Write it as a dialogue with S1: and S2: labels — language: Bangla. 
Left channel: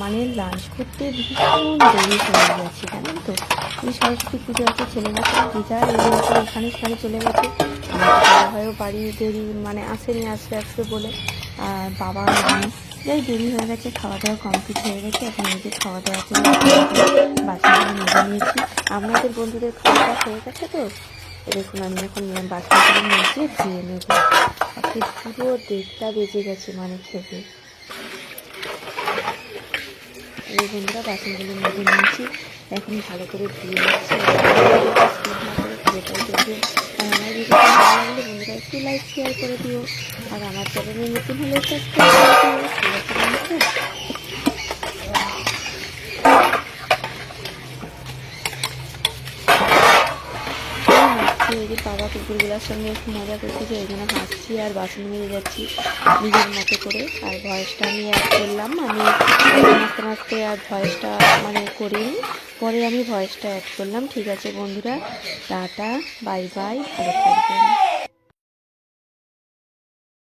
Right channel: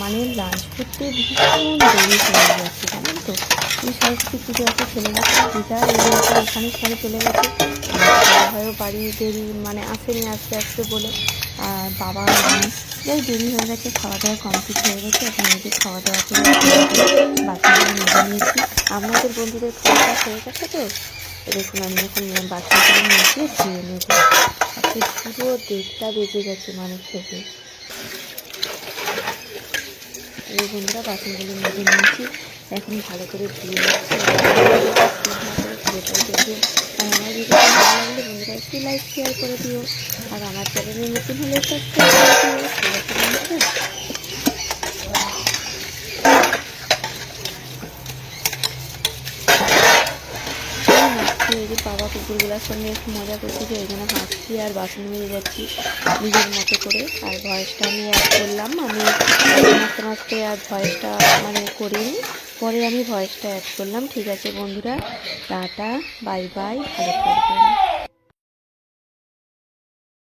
S1: মানে লাঞ্চ করতে ভীষণ দেরি হয়ে যাচ্ছে জানেন তো সরস্বতী পুজো আছে সব দিদা এগুলো এখানে সেখানে চলে গেছে হয়ও বাড়ি দেরি মানে আসেনি আসতে আসতে বলে আর বাবা যাই দেরি হয়ে গেছে খাওয়া দাওয়া কমপ্লিট হয়ে গেছে এখন যে খাওয়া দাওয়া করে বাচ্চাগুলো মেজে নিয়েছি আপনাদের বন্ধুদের খাওয়া দাওয়া হয়ে গেছে তো। দেখুন, আমি এখন বাচ্চাগুলো মেজে ধুয়ে নেব আজকে পুরো দেড়টা বেজে গেছে মানে খেতে। এই বন্ধুরা, বাসনগুলো মেজে নিয়েছি। এখন ভালো করে নিচ্ছি। পুরোটাই আর আমার ভিডিও ভালো লাগলে বন্ধুরা, একটু লাইক শেয়ার করে দিও। আর আমার চ্যানেলে নতুন হলে সাবস্ক্রাইব করে দিও। এই যে বাবা কুকুরগুলোর সঙ্গে একটু মজা করছি যে ওই জন্য হাসছি আর বাসন মেরে যাচ্ছি নিজের মতো করে। আর ভয়েসটা আমি অ্যাড করলাম। আমি নাচতে নাচতে আর ভয়েসটা মানে করিনি। পরে আমি ভয়েসটা অ্যাড করলাম। ঠিক আছে বন্ধুরা, টাটা বাই বাই ভালো থাকবেন।